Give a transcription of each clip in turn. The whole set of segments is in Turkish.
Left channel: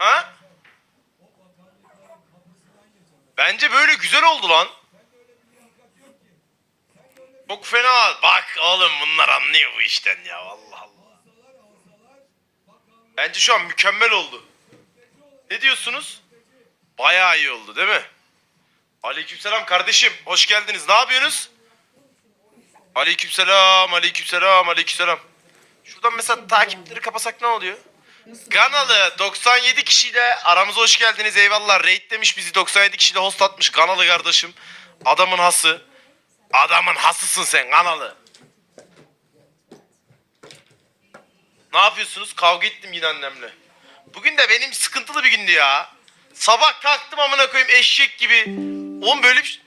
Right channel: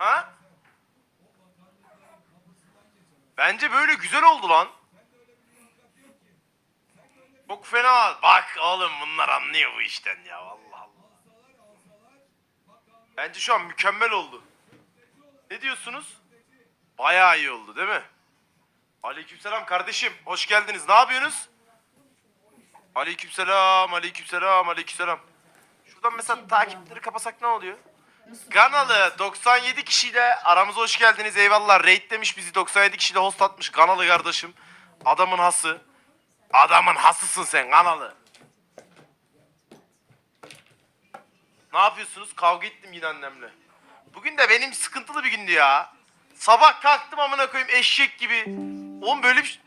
Ha? Bence böyle güzel oldu lan. Çok fena. Bak oğlum bunlar anlıyor bu işten ya. Allah Allah. Bence şu an mükemmel oldu. Ne diyorsunuz? Bayağı iyi oldu değil mi? Aleykümselam kardeşim. Hoş geldiniz. Ne yapıyorsunuz? Aleykümselam, aleykümselam, aleykümselam. Şuradan mesela takipleri kapasak ne oluyor? Ganalı 97 kişiyle aramıza hoş geldiniz eyvallah. Raid demiş bizi 97 kişiyle host atmış Ganalı kardeşim. Adamın hası. Adamın hasısın sen Ganalı. Ne yapıyorsunuz? Kavga ettim yine annemle. Bugün de benim sıkıntılı bir gündü ya. Sabah kalktım amına koyayım eşek gibi. Oğlum böyle bir...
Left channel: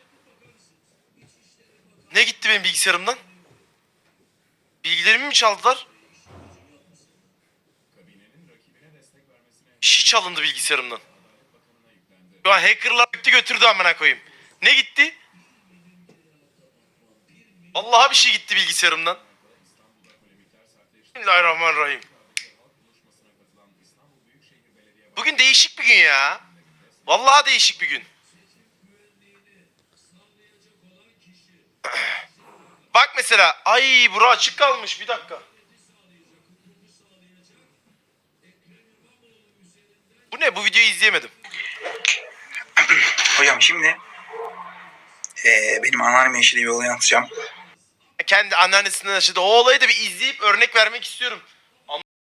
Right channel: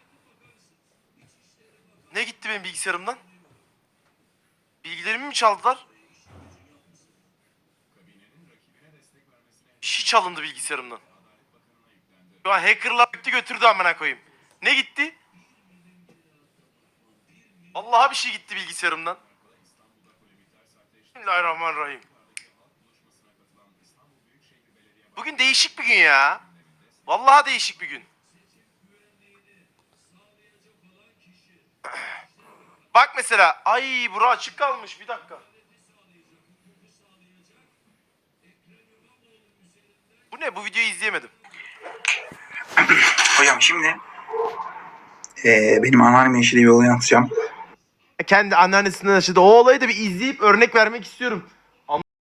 Ne gitti benim bilgisayarımdan? Bilgilerimi mi çaldılar? Şey çalındı bilgisayarımdan. An hackerlar gitti götürdü amına koyayım. Ne gitti? Allah'a bir şey gitti bilgisayarımdan. Bismillahirrahmanirrahim. Bugün değişik bir gün ya. Vallahi değişik bir gün. Bak mesela. Ay bura açık kalmış bir dakika. Bu ne? Bu videoyu izleyemedim. Hocam şimdi eee, benim anneannem yaşadığı bir olayı anlatacağım. Kendi anneannesinden yaşadı. O olayı da bir izleyip örnek vermek istiyorum.